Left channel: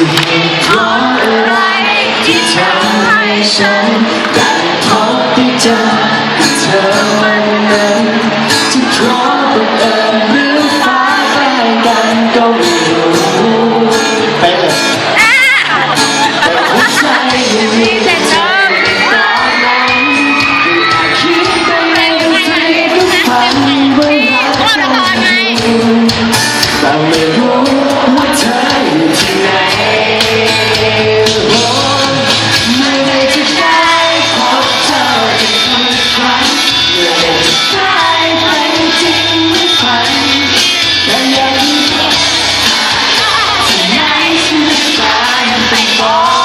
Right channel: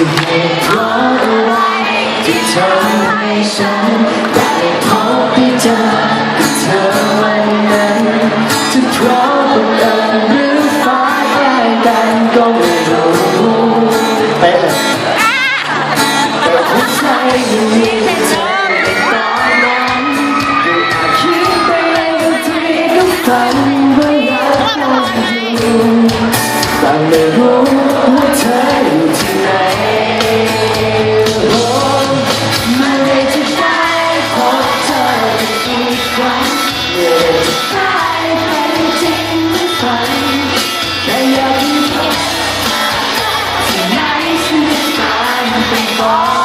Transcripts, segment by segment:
จะเหตุเพราะอะไรที่ทำให้ฉันได้พบได้เจอกับเธอวันนั้นจะเพราะบังเอิญหรือฟ้าใกล้กันก็ไม่รู้ไปเลยแต่หัวใจยังมีแต่เธอในตอนนั้นคิดไปเองทุกฝันว่ารักกันอยู่แต่ไม่รู้ ไ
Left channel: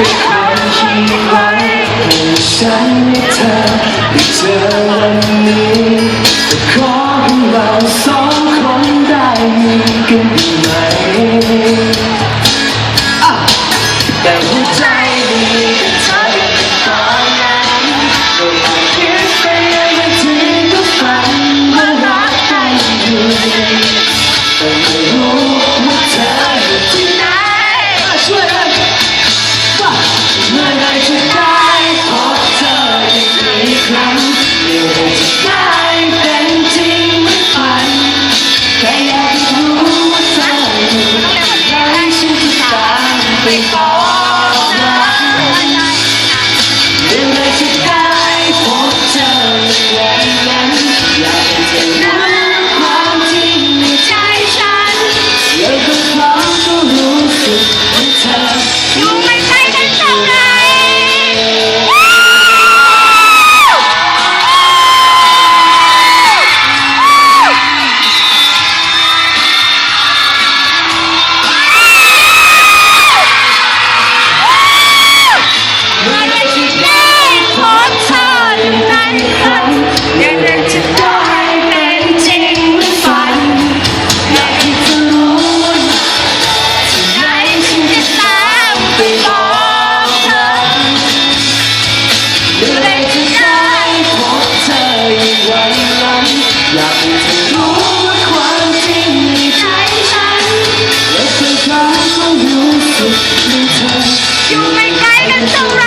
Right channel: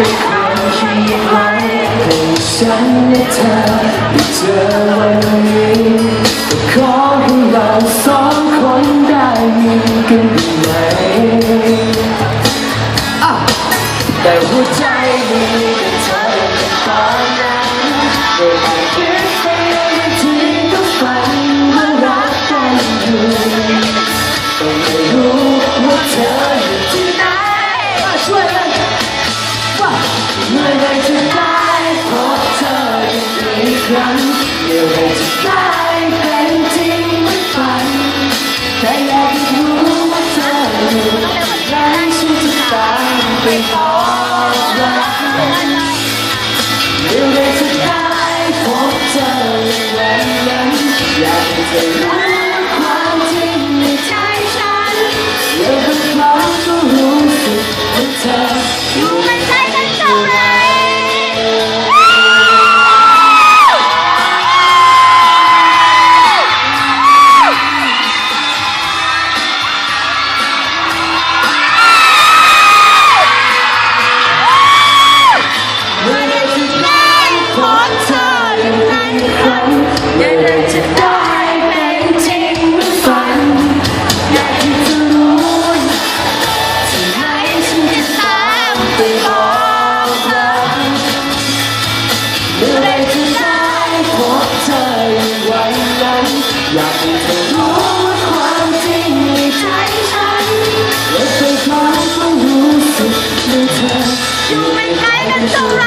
เป็นคนที่ไว้ให้ฉันและเธอได้เจอวันนี้ขอให้เราสองคนได้มีกันได้ไหมแต่หัวใจดี ไปบอกรักเรื่อไรที่ได้พบเธอในวันนั้นอยากให้เธอรู้ความจริงในใจฉันแล้วบางครั้งก็รู้สึกว่าเธอ ฝันอยากจะได้เป็นห้เธอรู้วัาความจริงในใจฉันและเธอคนต้องรู้สึกในเธออยู่เป็นใคกันสักไร